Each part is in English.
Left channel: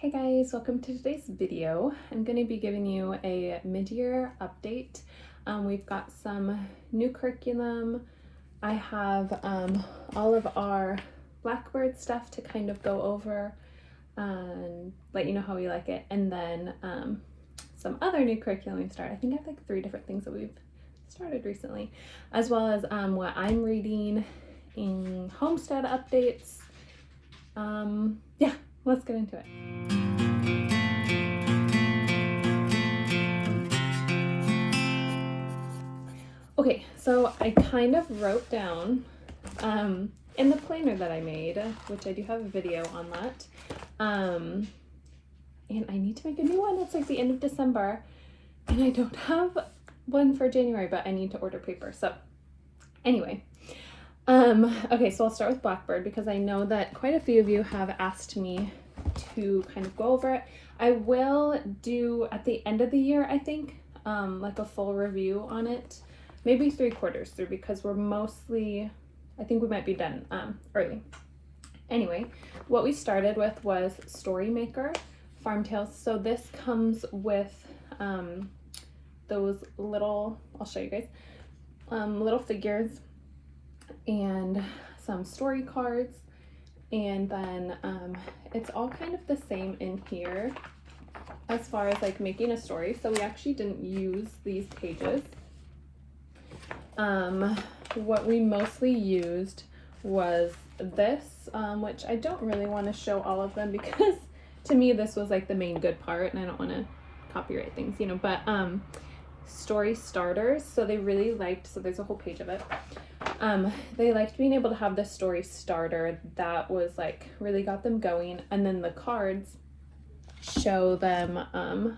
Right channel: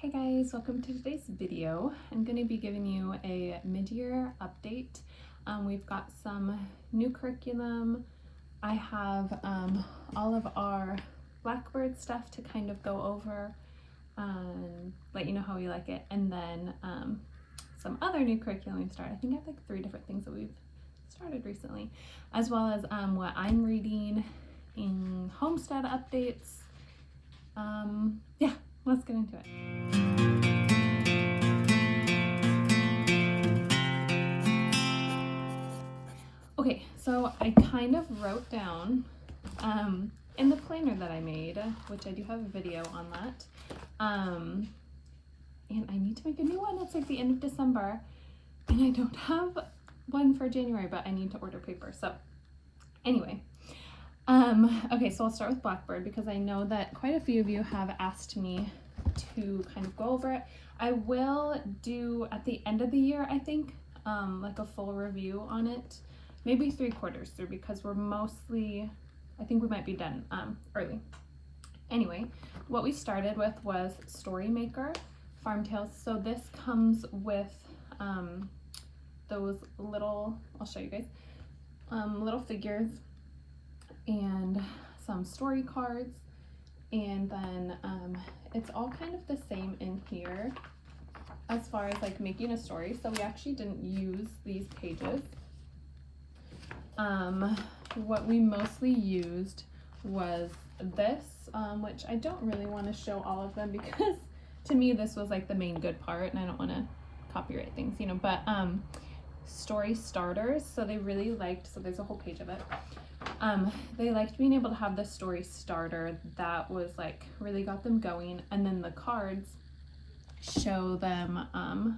Hey guys, welcome to today's video. I'm going to be giving you a mid-year update. We've got some new curriculum. I have all of our Blackbird stuff to kind of go over and let you know how we like it. And then some other new curriculum we've started. I think I have like 3 different things that we've started recently, as well as what I'm reading in Homestead updates. Yeah, let's get into it. Okay, so I kind of wrote down in the planner that I made, which I do have a video on that, and I need to make a new one. It's like the end of December, and I don't have one for January, but I need to order paper. So anyway, okay, so I'll start with Blackbird because I know that quite a few of you have asked me to kind of go over it. I will do at the end of the year, I think, like a full review on it. Maybe 3/4 through because we're mostly, I think we might be done early. Anyway, what we started with was Story Maker Farm Tales. So this comes with those little, I'll show you guys, little figures and some story cards. And then it's all kind of the same in here as far as like making a story. So we actually didn't use these pages. What we mostly used was this, which I don't really want to show all of them because to me this was like the main good part and I don't want to copyright things, you know, but story starters. So they really liked, so there's a whole page of it. They liked being able to have this story starter that was like really got them going, and then the cards show them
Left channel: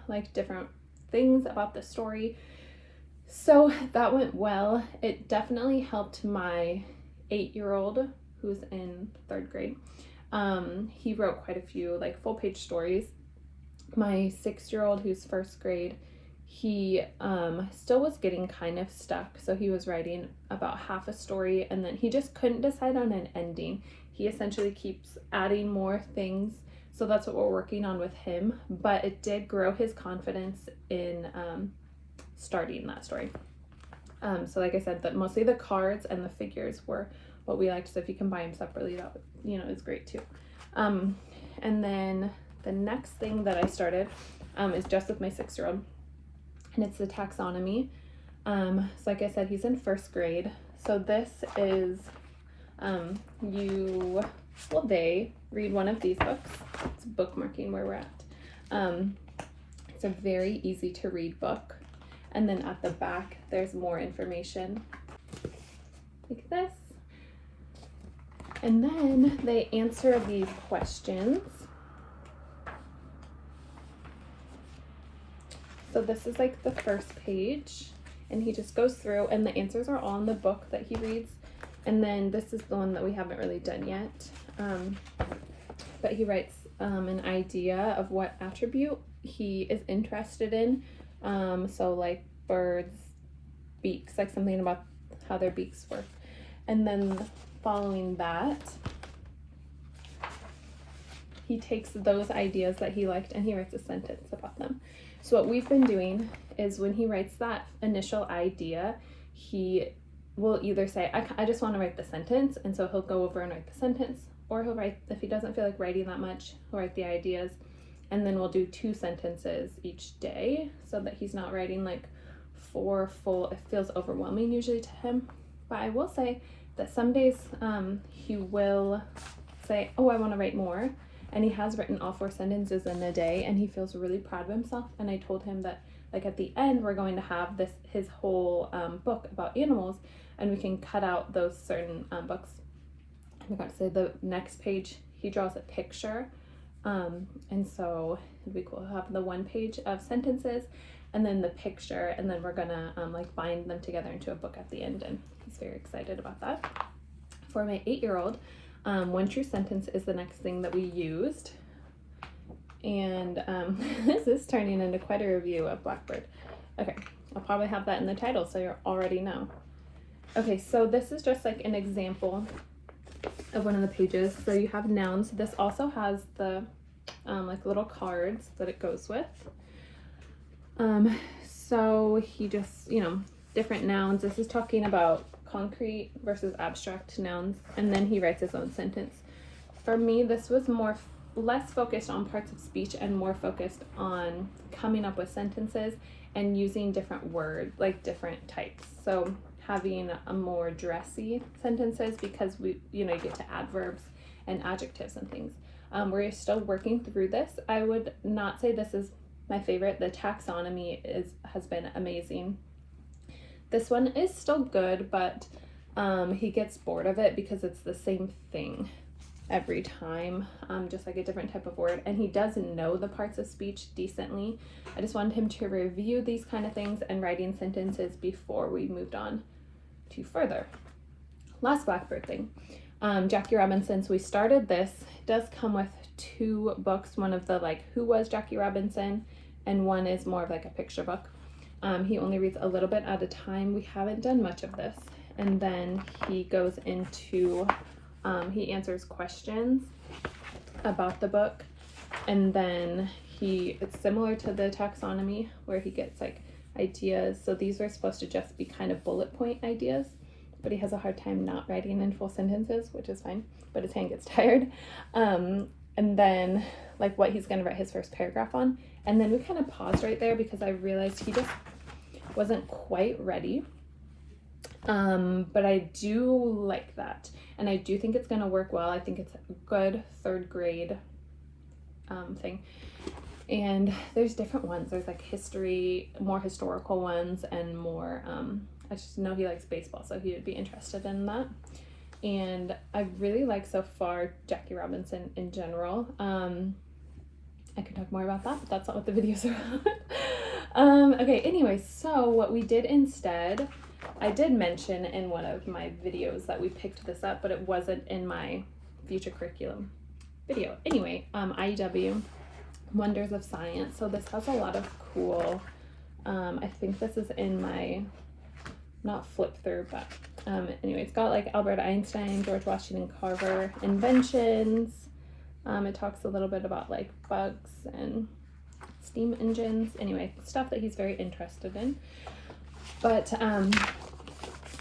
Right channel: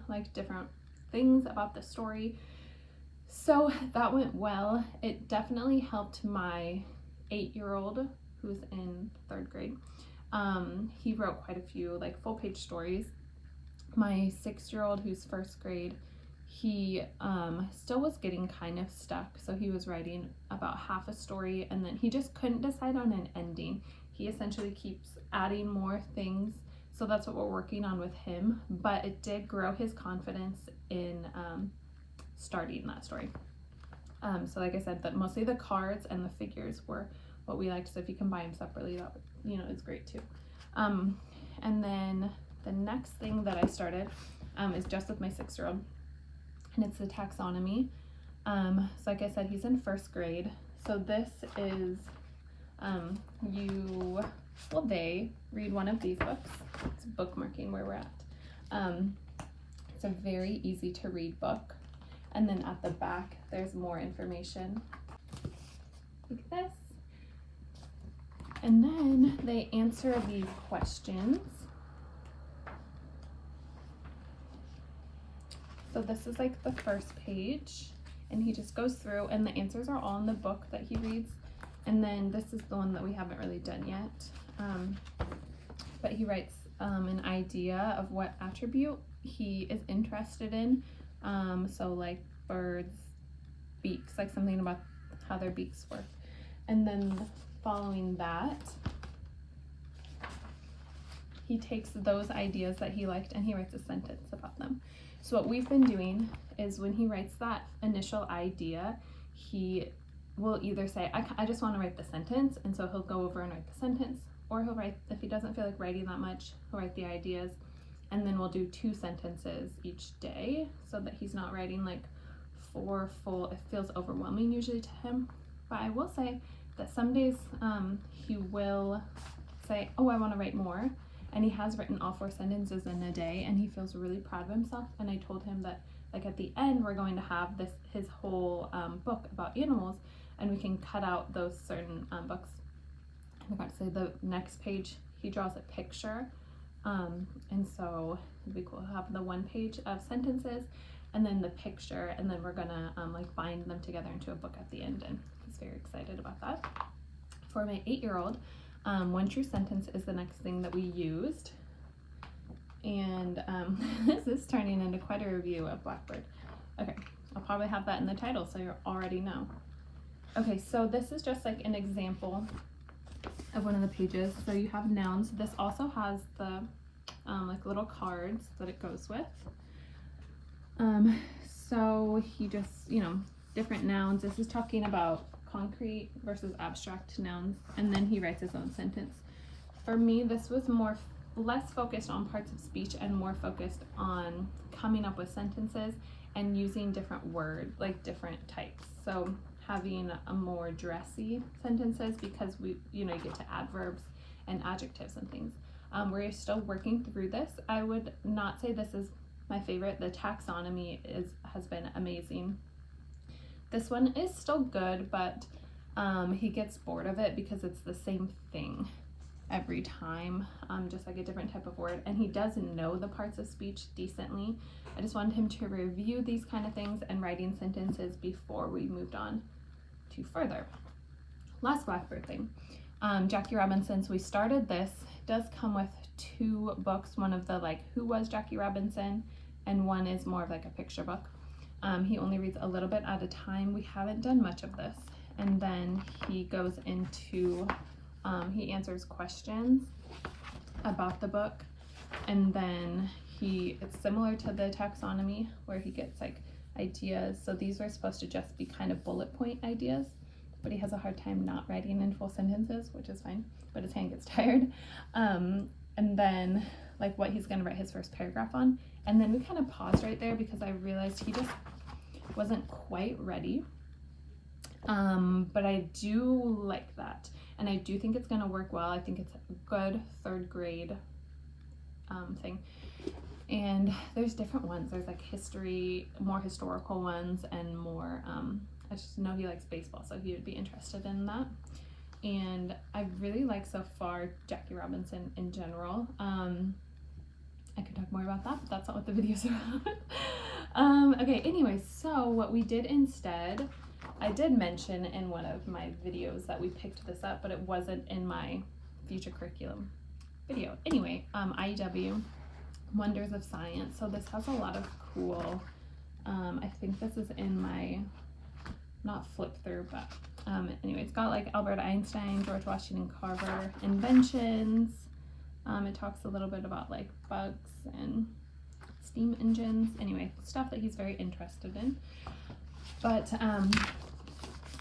like different things about the story. So that went well. It definitely helped my 8-year-old who's in 3rd grade. He wrote quite a few like full page stories. My 6-year-old who's 1st grade, he still was getting kind of stuck. So he was writing about half a story and then he just couldn't decide on an ending. He essentially keeps adding more things. So that's what we're working on with him. But it did grow his confidence in starting that story. So like I said, that mostly the cards and the figures were what we liked. So if you can buy them separately, that would, you know, is great too. And then the next thing that I started is just with my 6-year-old, and it's the taxonomy. So like I said, he's in 1st grade. So this is they read one of these books. It's bookmarking where we're at. It's a very easy to read book. And then at the back, there's more information like this. And then they answer these questions. So this is like the first page, and he just goes through, and the answers are all in the book that he reads. And then this is the one that we haven't really done yet. But he writes an idea of what attribute he is interested in. So like birds' beaks, like something about how their beaks work. And then following that, he takes those ideas that he liked and he writes a sentence about them. So what we've been doing is when he writes that initial idea, he will either say, I just want to write the sentence, and so he'll go over and write the sentence, or he'll write, if he doesn't feel like writing that much, he'll write the ideas. And then we'll do 2 sentences each day so that he's not writing like 4 full, it feels overwhelming usually to him. But I will say that some days he will say, oh, I want to write more. And he has written all 4 sentences in a day and he feels really proud of himself. And I told him that like at the end, we're going to have his whole book about animals, and we can cut out those certain books. I forgot to say the next page, he draws a picture. And so it'd be cool to have the 1 page of sentences and then the picture, and then we're gonna like bind them together into a book at the end, and he's very excited about that. For my 8-year-old, 1 true sentence is the next thing that we used, and this is turning into quite a review of Blackbird. Okay, I'll probably have that in the title so you already know. Okay, so this is just like an example of one of the pages. So you have nouns. This also has the like little cards that it goes with. So he just, different nouns. This is talking about concrete versus abstract nouns, and then he writes his own sentence. For me, this was less focused on parts of speech and more focused on coming up with sentences and using different words, like different types. So having a more dressy sentences, because you get to adverbs and adjectives and things. We're still working through this. I would not say this is my favorite. The taxonomy has been amazing. This one is still good, but he gets bored of it because it's the same thing every time, just like a different type of word, and he doesn't know the parts of speech decently. I just wanted him to review these kind of things and writing sentences before we moved on to further. Last Blackbird thing, Jackie Robinson's. We started this. It does come with 2 books, one of the like who was Jackie Robinson, and one is more of like a picture book. He only reads a little bit at a time. We haven't done much of this. And then he goes into he answers questions about the book, and then it's similar to the taxonomy where he gets like ideas. So these were supposed to just be kind of bullet point ideas, but he has a hard time not writing in full sentences, which is fine, but his hand gets tired. And then like what he's going to write his first paragraph on, and then we kind of paused right there because I realized he just wasn't quite ready. But I do like that, and I do think it's going to work well. I think it's a good 3rd grade thing. And there's different ones. There's like history, more historical ones, and more I just know he likes baseball, so he would be interested in that. And I really like so far Jackie Robinson in general. I could talk more about that, but that's not what the videos are about. Okay, anyway, so what we did instead, I did mention in one of my videos that we picked this up, but it wasn't in my future curriculum video. Anyway, IEW, Wonders of Science. So this has a lot of cool, I think this is in my, not flip through, but anyway, it's got like Albert Einstein, George Washington Carver, inventions. It talks a little bit about like bugs and steam engines. Anyway, stuff that he's very interested in. But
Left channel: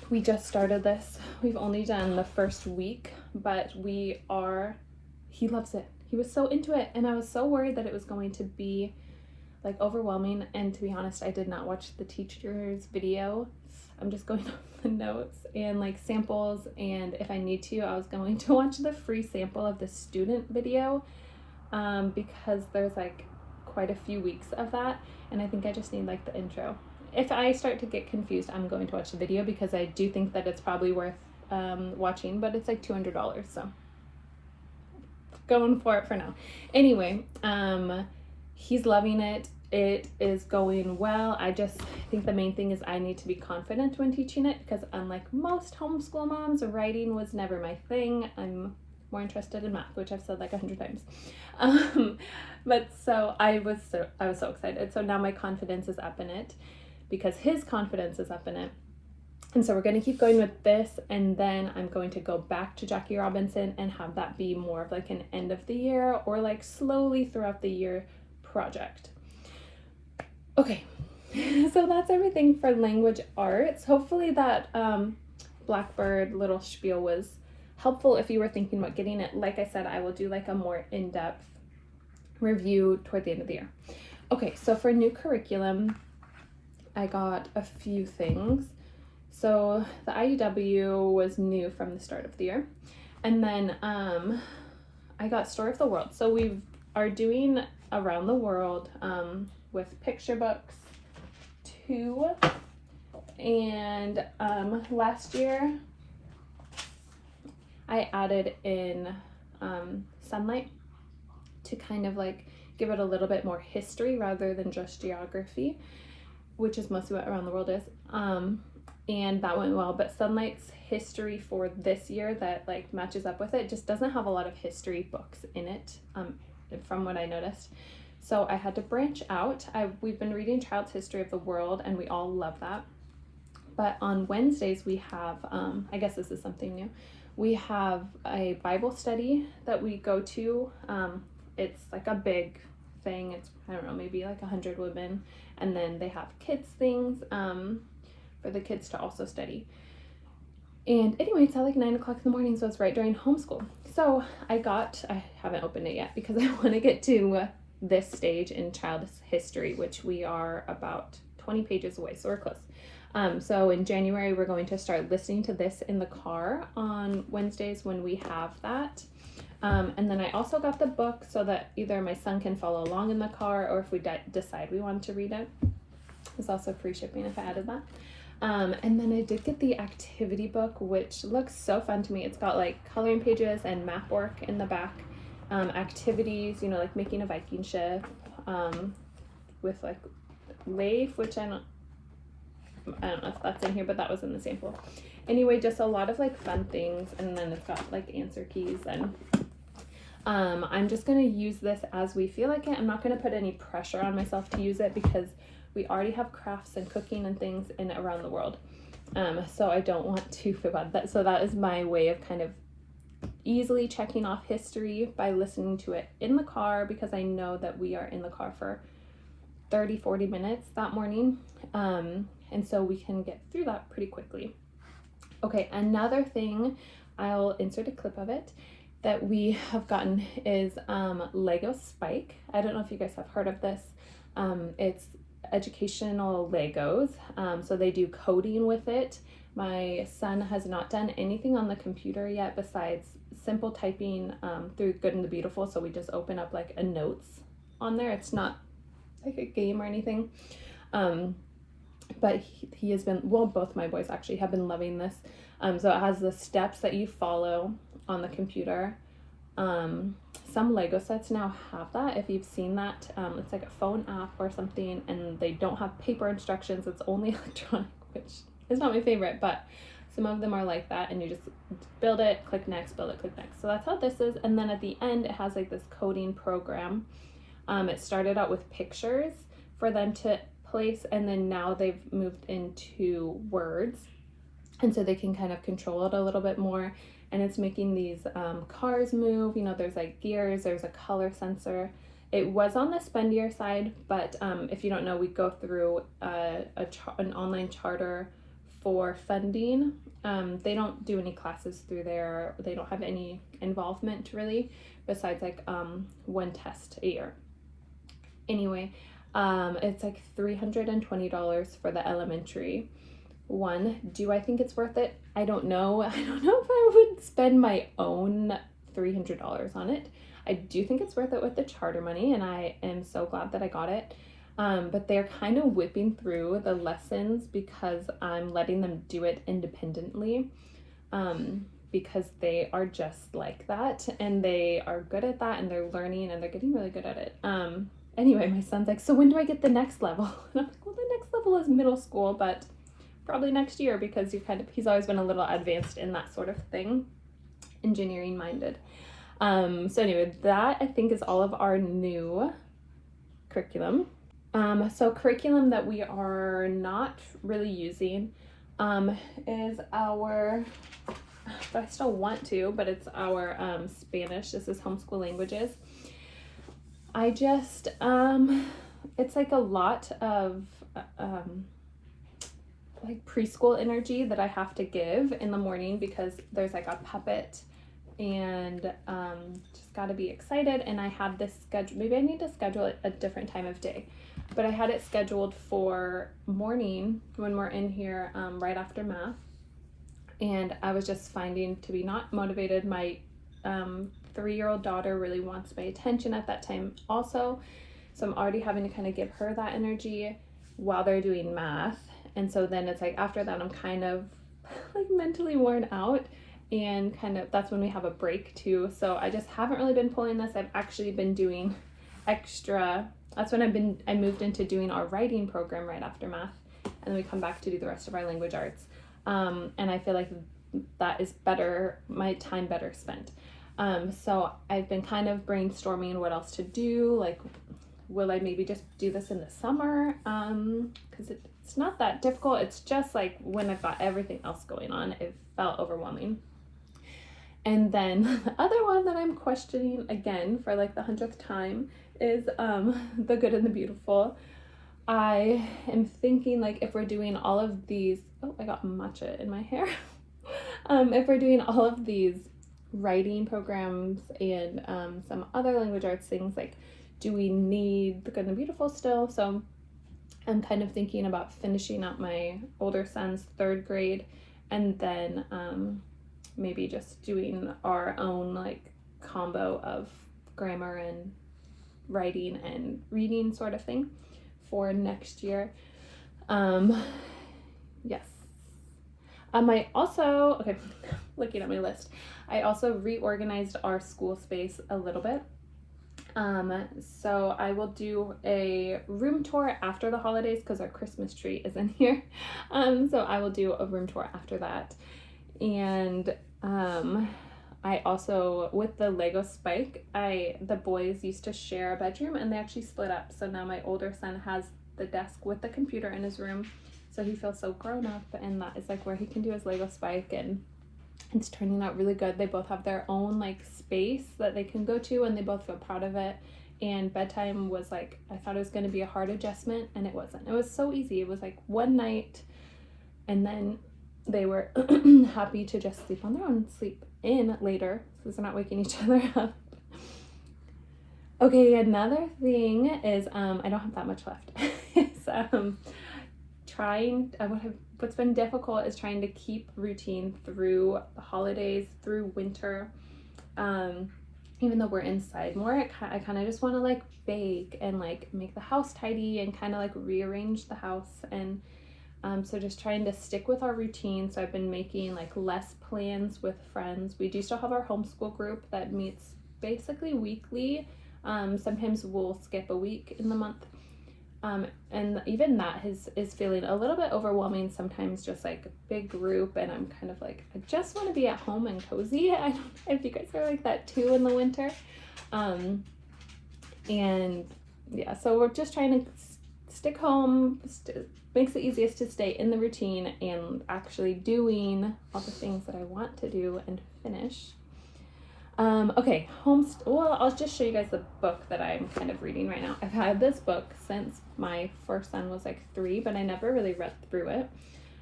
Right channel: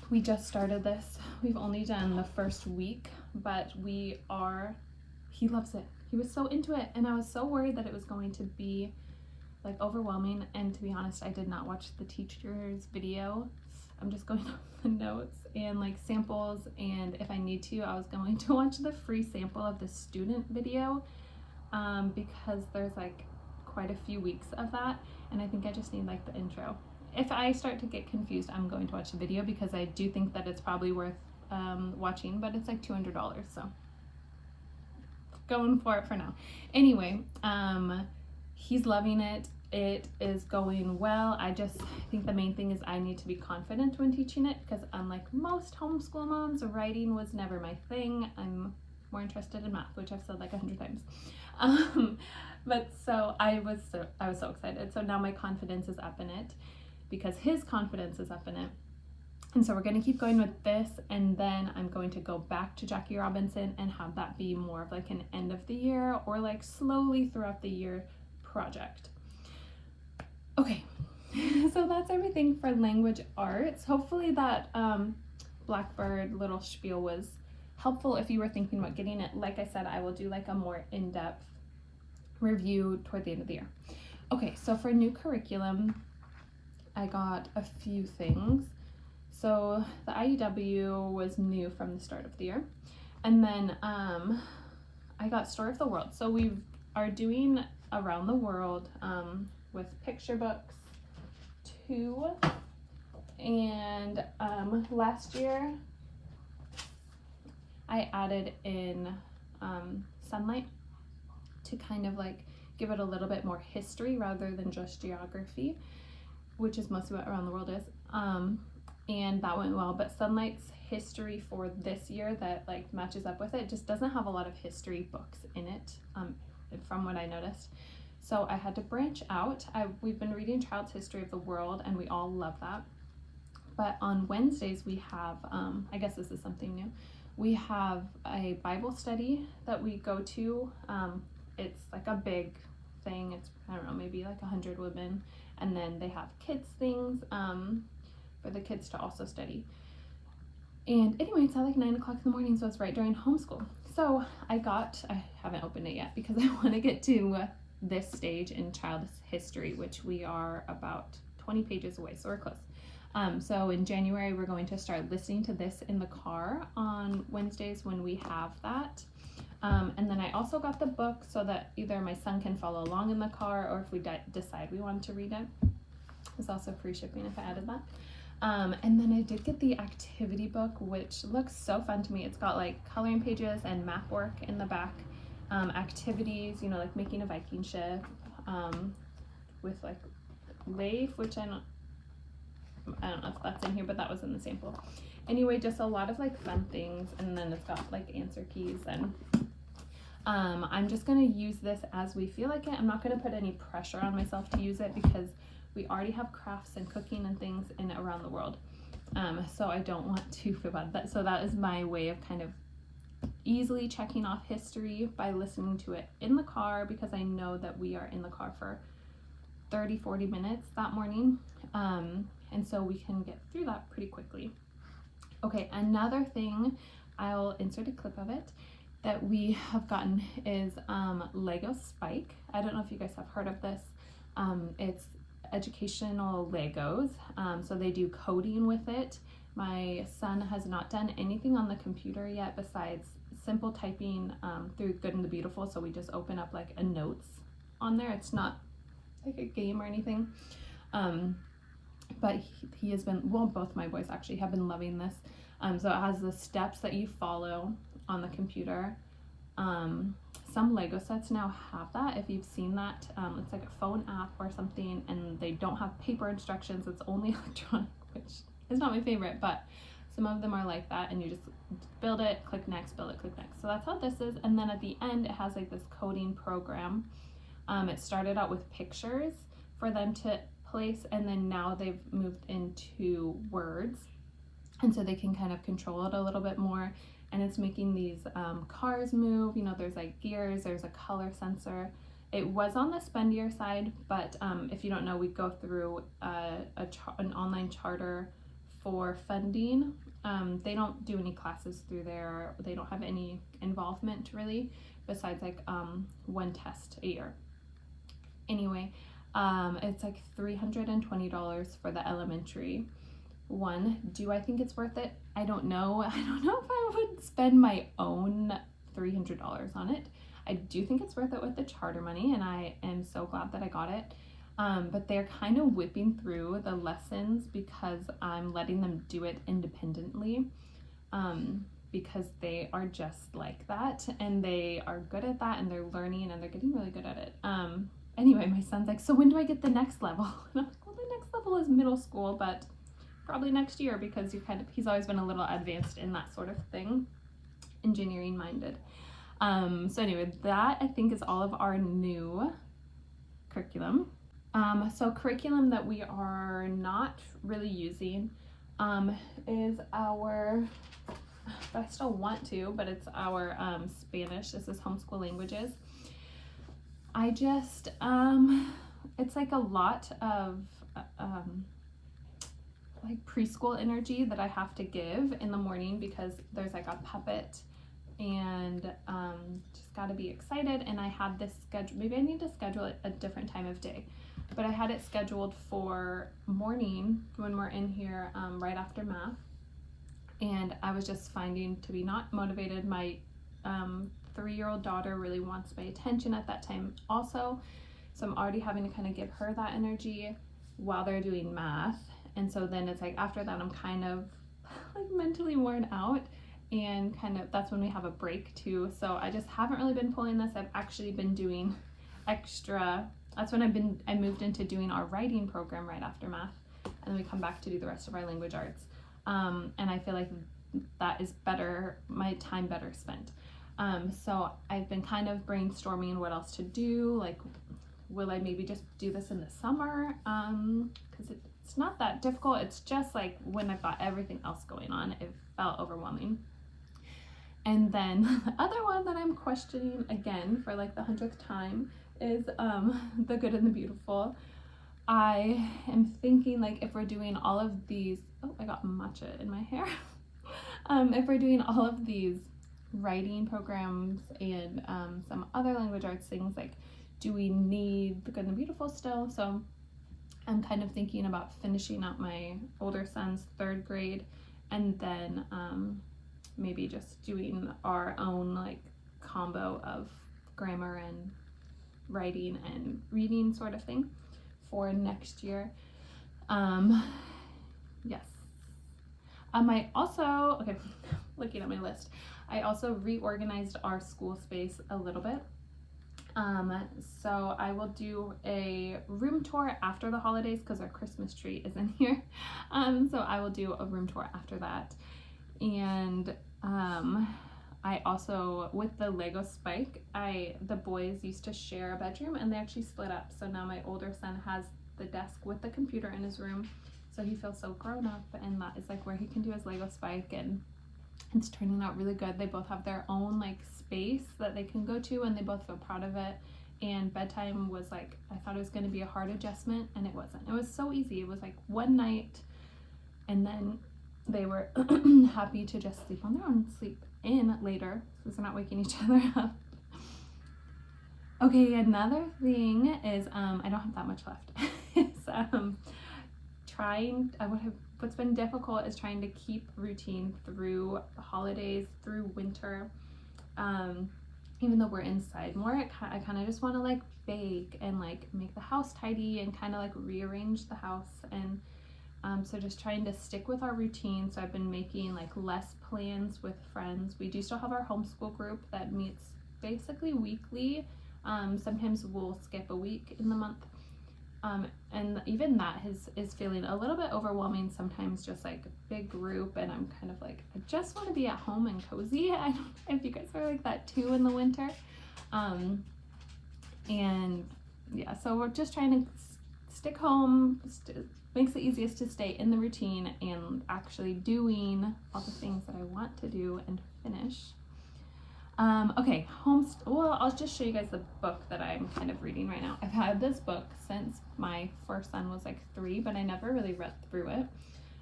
we just started this. We've only done the first week, but he loves it. He was so into it, and I was so worried that it was going to be like overwhelming. And to be honest, I did not watch the teacher's video. I'm just going off the notes and like samples, and if I need to, I was going to watch the free sample of the student video because there's like quite a few weeks of that, and I think I just need like the intro. If I start to get confused, I'm going to watch the video because I do think that it's probably worth watching, but it's like $200, so going for it for now. Anyway, he's loving it. It is going well. I just think the main thing is I need to be confident when teaching it, because unlike most homeschool moms, writing was never my thing. I'm more interested in math, which I've said like 100 times. But so I was so excited. So now my confidence is up in it because his confidence is up in it. And so we're going to keep going with this, and then I'm going to go back to Jackie Robinson and have that be more of like an end of the year or like slowly throughout the year project. Okay, so that's everything for language arts. Hopefully that Blackbird little spiel was helpful if you were thinking about getting it. Like I said, I will do like a more in-depth review toward the end of the year. Okay, so for new curriculum, I got a few things. So the IEW was new from the start of the year. And then I got Story of the World. So we are doing Around the World with picture books too. And last year I added in sunlight to kind of like give it a little bit more history rather than just geography, which is mostly what Around the World is. And that went well, but Sunlight's history for this year that like matches up with it just doesn't have a lot of history books in it, from what I noticed. So I had to branch out. We've been reading Child's History of the World, and we all love that. But on Wednesdays we have, I guess this is something new, we have a Bible study that we go to. it's like a big thing. It's, I don't know, maybe like 100 women, and then they have kids things for the kids to also study. And anyway, it's at like 9 o'clock in the morning, so it's right during homeschool. So I haven't opened it yet because I want to get to this stage in child history, which we are about 20 pages away, so we're close. So in January, we're going to start listening to this in the car on Wednesdays when we have that. And then I also got the book so that either my son can follow along in the car, or if we decide we want to read it. There's also free shipping if I added that. And then I did get the activity book, which looks so fun to me. It's got like coloring pages and map work in the back. Activities, you know, like making a Viking ship, with like Leif, which I don't know if that's in here, but that was in the sample. Anyway, just a lot of like fun things, and then it's got like answer keys, and I'm just gonna use this as we feel like it. I'm not gonna put any pressure on myself to use it because we already have crafts and cooking and things in around the world. So I don't want to feel bad. So that is my way of kind of easily checking off history by listening to it in the car, because I know that we are in the car for 30-40 minutes that morning. And so we can get through that pretty quickly. Okay, another thing, I'll insert a clip of it, that we have gotten is Lego Spike. I don't know if you guys have heard of this. It's educational Legos. So they do coding with it. My son has not done anything on the computer yet besides simple typing through Good and the Beautiful. So we just open up like a notes on there. It's not like a game or anything. But he has been, well, both my boys actually have been loving this. So it has the steps that you follow on the computer. Some Lego sets now have that, if you've seen that. It's like a phone app or something, and they don't have paper instructions. It's only electronic, which is not my favorite, but some of them are like that, and you just build it, click next, build it, click next. So that's how this is. And then at the end, it has like this coding program. It started out with pictures for them to place, and then now they've moved into words, and so they can kind of control it a little bit more. And it's making these cars move. You know, there's like gears, there's a color sensor. It was on the spendier side, but if you don't know, we go through an online charter for funding. They don't do any classes through there. They don't have any involvement really, besides like one test a year. Anyway, it's like $320 for the elementary one. Do I think it's worth it? I don't know. I don't know if I would spend my own $300 on it. I do think it's worth it with the charter money, and I am so glad that I got it. But they're kind of whipping through the lessons because I'm letting them do it independently, because they are just like that, and they are good at that, and they're learning, and they're getting really good at it. Anyway, my son's like, so when do I get the next level? And I'm like, well, the next level is middle school, but probably next year, because he's always been a little advanced in that sort of thing, engineering minded. So anyway, that I think is all of our new curriculum. So curriculum that we are not really using is our, but I still want to, but it's our Spanish. This is Homeschool Languages. I just, it's like a lot of like preschool energy that I have to give in the morning, because there's like a puppet, and just got to be excited. And I have this schedule. Maybe I need to schedule it a different time of day, but I had it scheduled for morning when we're in here right after math, and I was just finding to be not motivated. My 3-year-old daughter really wants my attention at that time also, so I'm already having to kind of give her that energy while they're doing math. And so then it's like after that I'm kind of like mentally worn out, and kind of that's when we have a break too. So I just haven't really been pulling this. I've actually been doing extra. That's when I moved into doing our writing program right after math, and then we come back to do the rest of our language arts. And I feel like that is better, my time better spent. So I've been kind of brainstorming what else to do. Like, will I maybe just do this in the summer? Because it's not that difficult. It's just like when I've got everything else going on, it felt overwhelming. And then the other one that I'm questioning again for like the 100th time is the good and the beautiful. I am thinking like if we're doing all of these, oh, I got matcha in my hair. If we're doing all of these writing programs and some other language arts things, like do we need the good and the beautiful still? So I'm kind of thinking about finishing up my older son's 3rd grade and then maybe just doing our own like combo of grammar and writing and reading sort of thing for next year. Yes. I also, okay, looking at my list, I also reorganized our school space a little bit. So I will do a room tour after the holidays because our Christmas tree is in here. So I will do a room tour after that. And I also, with the Lego Spike, the boys used to share a bedroom and they actually split up. So now my older son has the desk with the computer in his room. So he feels so grown up, and that is like where he can do his Lego Spike, and it's turning out really good. They both have their own like space that they can go to and they both feel proud of it. And bedtime was like, I thought it was going to be a hard adjustment, and it wasn't. It was so easy. It was like one night and then they were happy to just sleep on their own, sleep in later, so they're not waking each other up. Okay, another thing is I don't have that much left. It's what's been difficult is trying to keep routine through the holidays, through winter. Even though we're inside more, I kind of just want to like bake and like make the house tidy and kind of like rearrange the house. And so just trying to stick with our routine. So I've been making like less plans with friends. We do still have our homeschool group that meets basically weekly. Sometimes we'll skip a week in the month. And even that is feeling a little bit overwhelming sometimes, just like a big group, and I'm kind of like, I just want to be at home and cozy. I don't know if you guys are like that too in the winter. And yeah, so we're just trying to stick home. Makes it easiest to stay in the routine and actually doing all the things that I want to do and finish. Okay, well, I'll just show you guys the book that I'm kind of reading right now. I've had this book since my first son was like 3, but I never really read through it.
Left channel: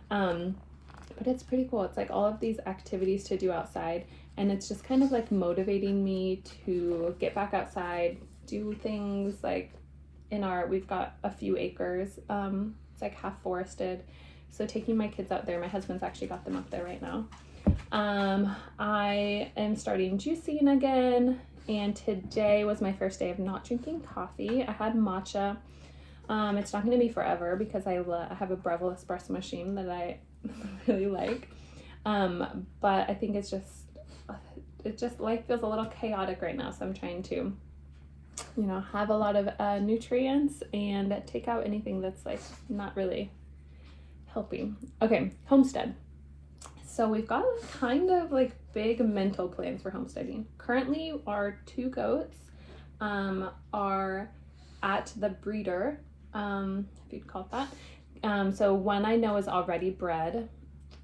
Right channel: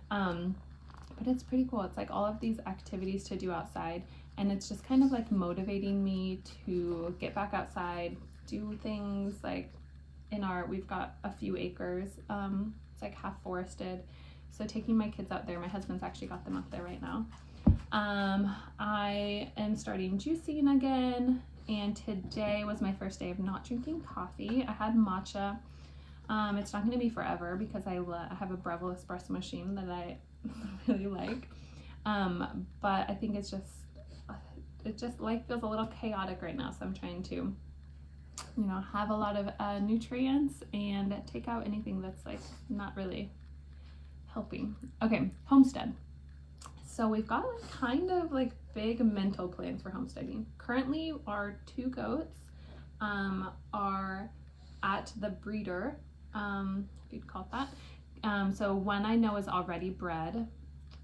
But it's pretty cool. It's like all of these activities to do outside, and it's just kind of like motivating me to get back outside, do things like we've got a few acres. It's like half forested. So taking my kids out there, my husband's actually got them up there right now. I am starting juicing again, and today was my first day of not drinking coffee. I had matcha. It's not going to be forever because I have a Breville espresso machine that I really like. But I think it's just life feels a little chaotic right now, so I'm trying to, have a lot of nutrients and take out anything that's like not really helping. Okay, homestead. So we've got like kind of like big mental plans for homesteading. Currently our 2 goats are at the breeder, if you'd call it that. So one I know is already bred,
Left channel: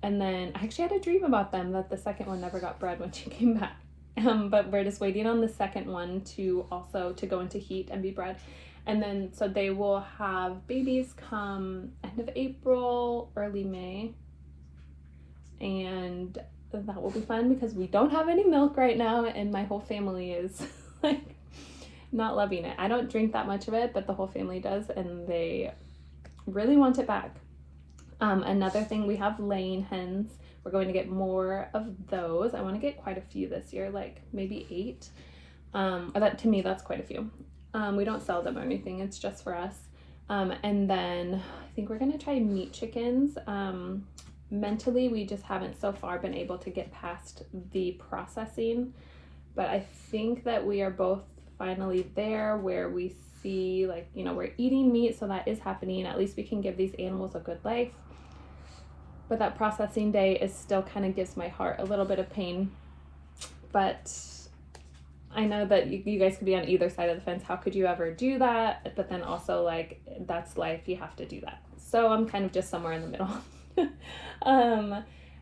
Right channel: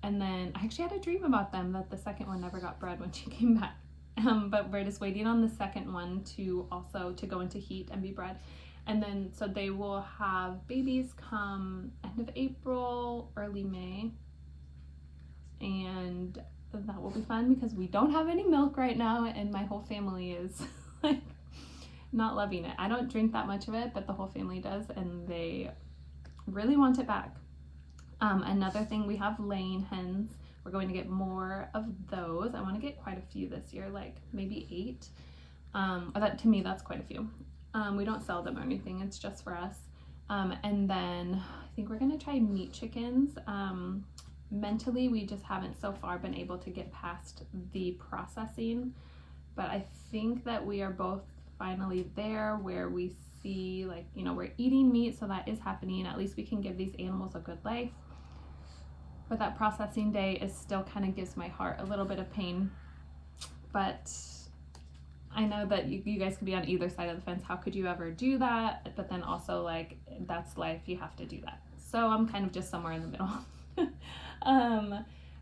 and then I actually had a dream about them that the second one never got bred when she came back. But we're just waiting on the second one to go into heat and be bred. And then so they will have babies come end of April, early May. And that will be fun because we don't have any milk right now, and my whole family is like not loving it. I don't drink that much of it, but the whole family does, and they really want it back. Another thing, we have laying hens. We're going to get more of those. I want to get quite a few this year, like maybe 8. To me, that's quite a few. We don't sell them or anything. It's just for us. And then I think we're going to try meat chickens. Mentally, we just haven't so far been able to get past the processing, but I think that we are both finally there where we see like, we're eating meat, so that is happening. At least we can give these animals a good life. But that processing day is still kind of gives my heart a little bit of pain. But I know that you guys could be on either side of the fence. How could you ever do that? But then also like, that's life, you have to do that. So I'm kind of just somewhere in the middle.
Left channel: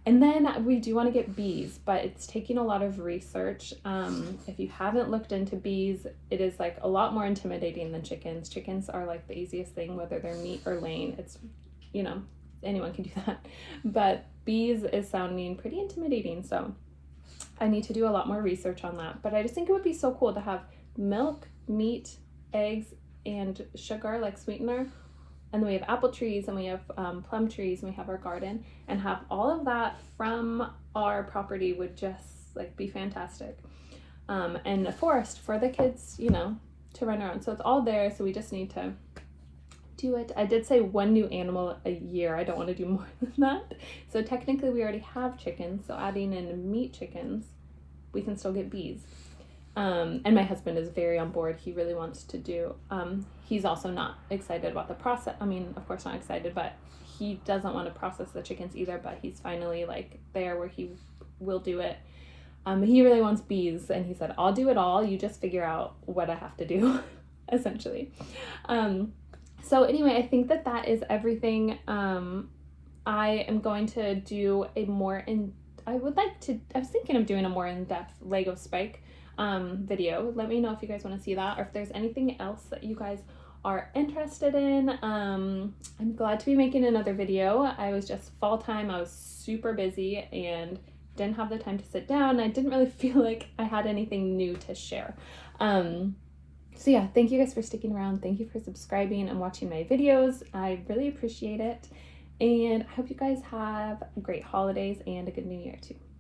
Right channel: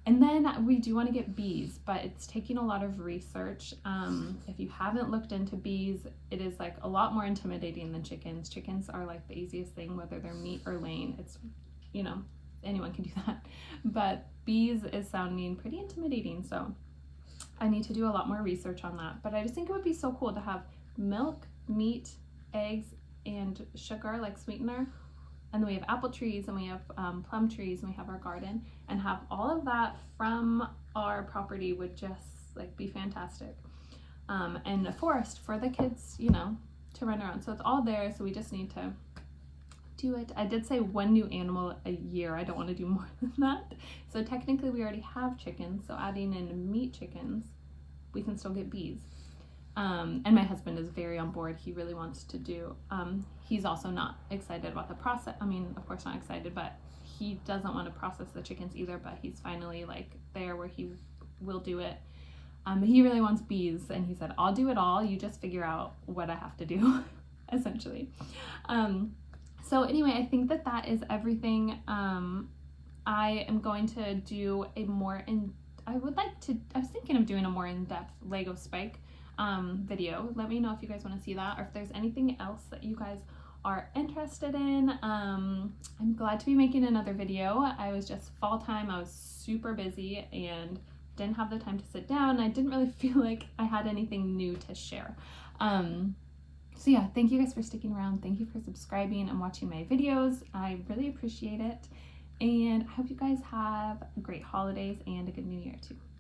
And then we do want to get bees, but it's taking a lot of research. If you haven't looked into bees, it is like a lot more intimidating than chickens. Chickens are like the easiest thing, whether they're meat or laying. It's, you know, anyone can do that. But bees is sounding pretty intimidating, so I need to do a lot more research on that. But I just think it would be so cool to have milk, meat, eggs, and sugar like sweetener. And then we have apple trees, and we have plum trees, and we have our garden, and have all of that from our property would just like be fantastic. And a forest for the kids, you know, to run around. So it's all there, so we just need to do it. I did say 1 new animal a year. I don't want to do more than that. So technically we already have chickens, so adding in meat chickens, we can still get bees. And my husband is very on board. He really wants to do, he's also not excited about the process. I mean, of course not excited, but he doesn't want to process the chickens either, but he's finally like there where he will do it. He really wants bees, and he said, I'll do it all. You just figure out what I have to do, essentially. So anyway, I think that is everything. I am going to do a more I was thinking of doing a more in-depth Lego spike video. Let me know if you guys want to see that, or if there's anything else that you guys are interested in. I'm glad to be making another video. I was just fall time. I was super busy and didn't have the time to sit down. I didn't really feel like I had anything new to share. So yeah, thank you guys for sticking around. Thank you for subscribing and watching my videos. I really appreciate it. And I hope you guys have great holidays and a good new year too.